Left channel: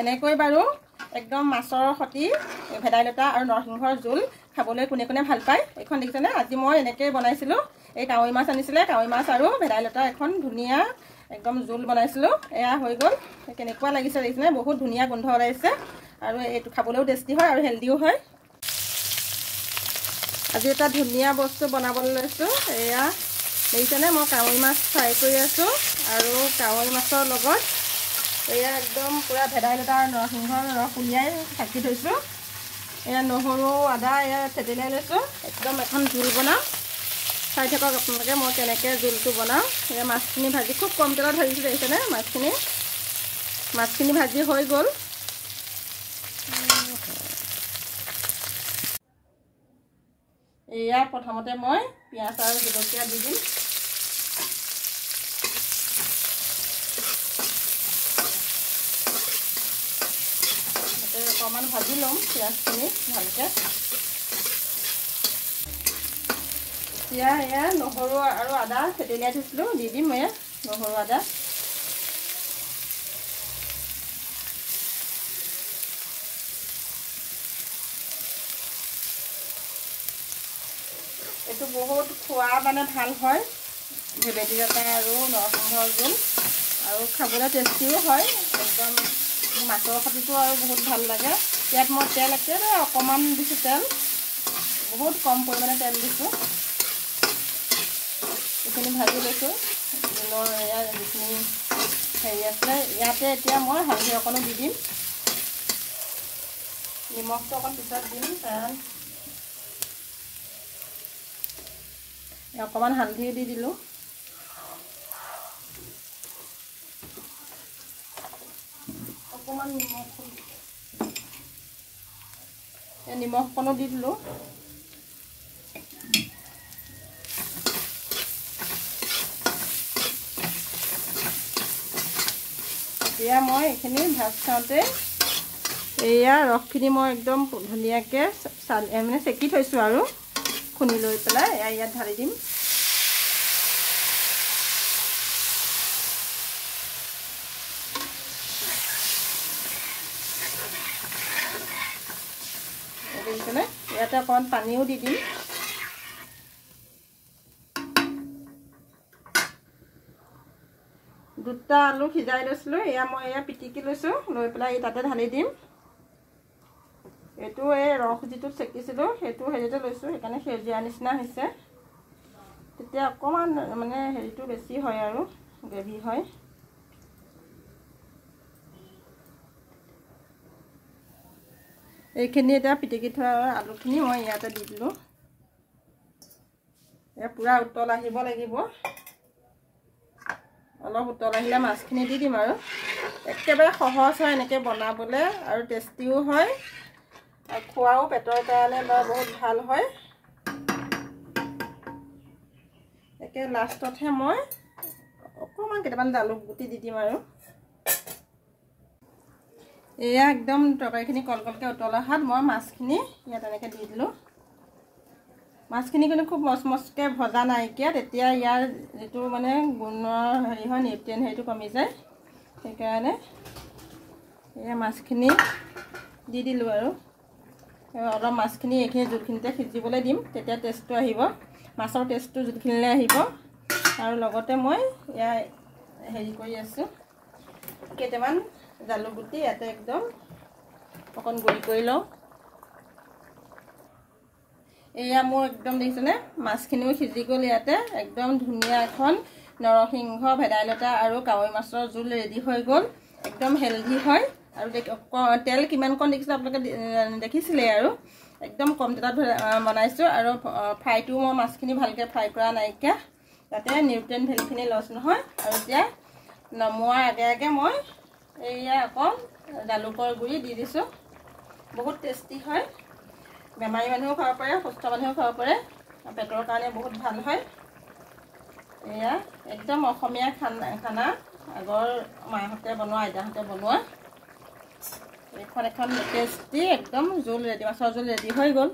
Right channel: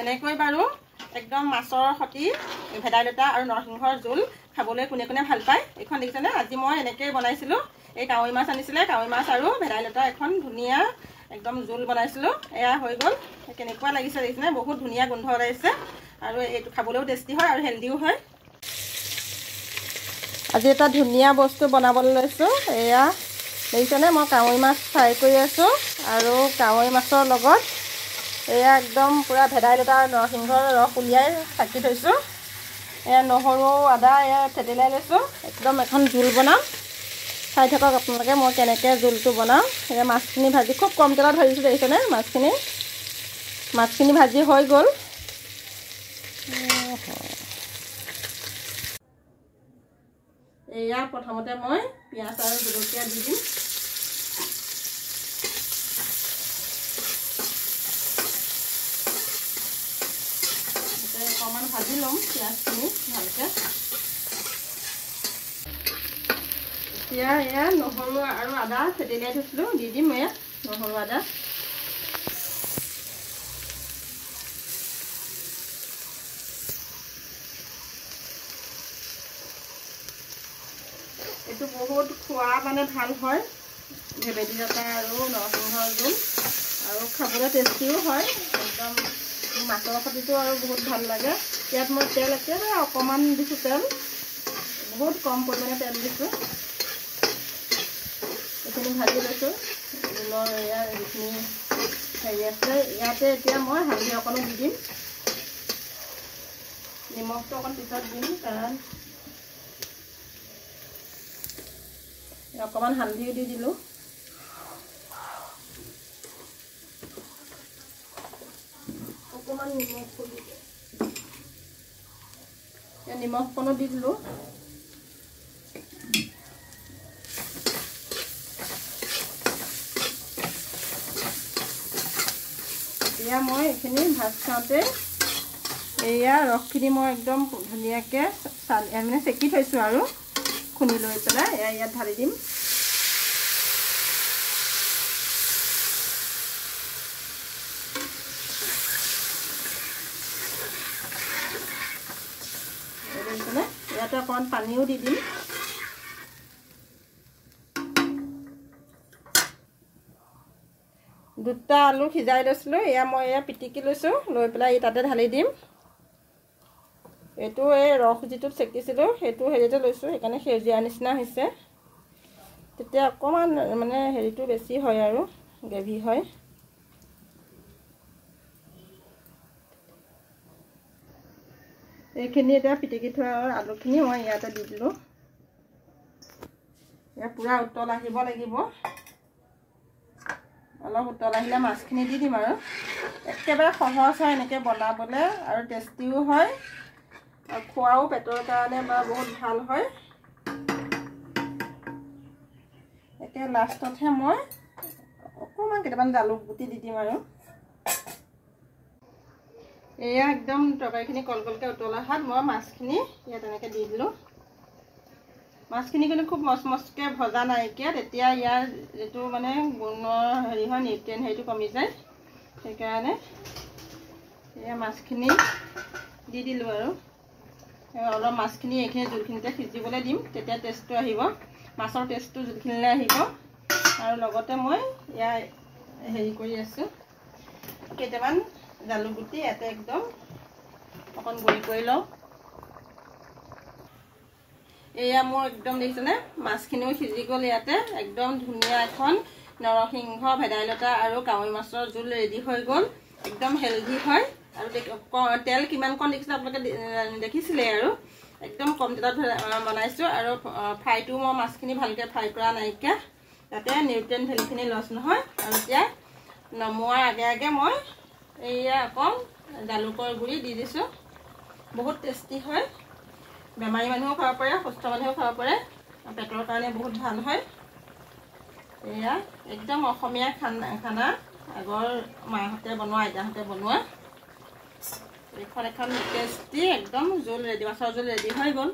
এনেকৈ বাৰু একদম মাছৰ সতি ভেদাইলতা আৰু নৰসিংহৰ জোল খাবলৈ কোনে কোনে ভাল পায় এইখন দেখিছেনে আজি মই এনেকৈ বনাইছিলোঁ এই কাৱৈ মাছ আনিছিলে কাৱৈ মাছ আৰু ভেদাইলতা এখন ধুনীয়া একদম জোল বনাইছিলোঁ এয়া হৈ গ'ল কেনেকুৱা লাগিছে দেখিছেনে বহুত ধুনীয়া গোন্ধ ওলাইছে আৰু এইটো খাবলৈও টেষ্টি হয় আৰু হেল্ডিও হয় আজি এটা ধুনীয়া বস্তু বনাবলৈ লৈছোঁ এয়া দেখিছেনে মই কাৱৈ মাছ ফ্ৰাই কৰি আছোঁ আৰু কাৱৈ মাছৰ লগত এয়া একদম পুৰা ভেদাইলতা নৰসিংহৰ ৰস উলিয়াই থাকি থৈছোঁ এয়া নহৰু আদা এয়া থেতেলিয়াই লৈছোঁ একদম এখন জোল বনাম চাই থাকক আপোনালোকে মই কেনেকৈ জোলটো বনাওঁ এয়া মাছখিনি ভাজি খুব কম তেলত ভাজিছোঁ দেখিছেনে মাছখিনি ভাজি হৈ গ'ল এয়া প্ৰথমতে মই পিঁয়াজ আৰু জলকীয়া দি দিম অকণমান ভাজি ল'ম পিঁয়াজখিনি ভালকৈ এতিয়া এয়া নহৰু আৰু আদা থেতেলিয়াই থৈছিলোঁ দি দিম এয়া নহৰু আদা এইটো বহুত খোৱা মানে ভাল হয় ভেদাইলতা আৰু নৰসিংহৰ জোল আৰু খাবলৈ টেষ্টিও হয় একদম মাছৰ সতিটো আৰু বহুত ভাল লাগে ইয়াত মই তেল একেবাৰে অকণমান দিছোঁ তেল বহুত কম পৰিমাণে তেল দিছোঁ এইখিনি ভাজি লৈছোঁ এয়া যিখিনি হেৰি আছে ইয়াতে এতিয়া মই হালধি অকণো দি দিম নিমখটো অকণ পিছত দিম কাৰণ অকণমান হালধিও দি দিলোঁ অকণমান নিমখ অকণো দি দিলোঁ এতিয়া মই এইখিনি ভাত খাওঁতে এয়া ৰসখিনি মই একদম ধুনীয়াকৈ মানে চেকি থৈছোঁ আৰু খুন্দি লৈ পেলাই এয়া ইয়াত ঢালি দিম ইয়াতে অকণমান পানীও দি দিম দুটা আলু সিজাই লৈছিলোঁ এয়া মই এয়া পিটিকি লৈছোঁ লৈ পেলাই তাতে ঢালি দিম এইটো এই ৰস যিটো চেকিছিলোঁ সেইটো হেৰিতে লৈছোঁ সেইকাৰণে সেউজীয়া নিচিনা হৈছে তেতিয়া অকণমান মানে হেৰিটো বেছি হয় আৰু গ্ৰেভি হয় এইখিনি এতিয়া পিটিকি থোৱা আলুখিনি মই ইয়াতে দি দিলোঁ এয়া পূৰা উতল আহিব লাগিব অলপ উতল আহিলে মাছখিনি দি দিম আৰু একেবাৰে সহজ হয় এনেকৈ বনাবলৈ আৰু টেষ্টিও হয় আৰু খোৱাও পেটৰ কাৰণে বা বহুত ভাল হয় একে লাষ্টতহে মই অকণমান কেইটামান জালুক গুটি দি দিম আৰু এয়া একদম তৰকাৰীখিনি কলকলকৈ উতল অহাত মই মাছখিনি ইয়াত এনেকৈ দি দিলোঁ মাছখিনি কিন্তু খুব মচমচকৈ ভজা নাইকিয়া তেতিয়া ইয়াৰ যিটো মানে গুণৰ হেৰি হয় নিউট্ৰিয়েণ্ট হেৰিটো কমি যায় সেইকাৰণে এয়া মাছখিনি দি দিলোঁ আৰু অলপ মাছখিনি এইখিনি জোলখিনিতে সিজিবলৈ দিম তেতিয়া টেষ্টটো আহিব মাছৰ টেষ্টটো জোলখিনিলৈ আহিব আৰু লগতে মই এয়া হেৰি কৰি আছোঁ কেইটামান জালুক গুটি ইয়াতে একদম অকণ গুড়ি কৰি লওঁ এয়া মোৰ একদম দেখিছেনে মাছখিনিও সিজি গ'ল ইয়াতে একদম ধুনীয়া এখন নৰসিংহ ভেদাইলতা আৰু কাৱৈ মাছৰ জোল ৰেডি হৈ গ'ল একদম হেল্ডি হয় আৰু তেল কিমানকণ দেখিছিলে আপোনালোকে দেখিছিলে আৰু একদম কম তেলত বনাইছোঁ আৰু ফ্ৰাইটো মই মাছখিনি ভালকৈ ফ্ৰাই কৰা নাইকিয়া যাতে নিউট্ৰিয়েণ্ট ভেলিখিনি লছ নহয় আৰু এতিয়া নমোৱাৰ আগে আগে মই এয়া অকণ জালুকৰ গুড়ি দি দিছোঁ বহুত টেষ্টি হয় বেমাৰী মানুহো খাব পাৰে সুস্থ মানুহেও খাব পাৰে পেটৰ কাৰণে বহুত ভাল হয় এয়া একদম অসমীয়া খানা আগৰ মাহঁতে বনোৱা আইতাহঁতে বনোৱা এখন টেষ্টি একদম জোল ৰেডি মাছৰ জোল ৰেডি হৈ গ'ল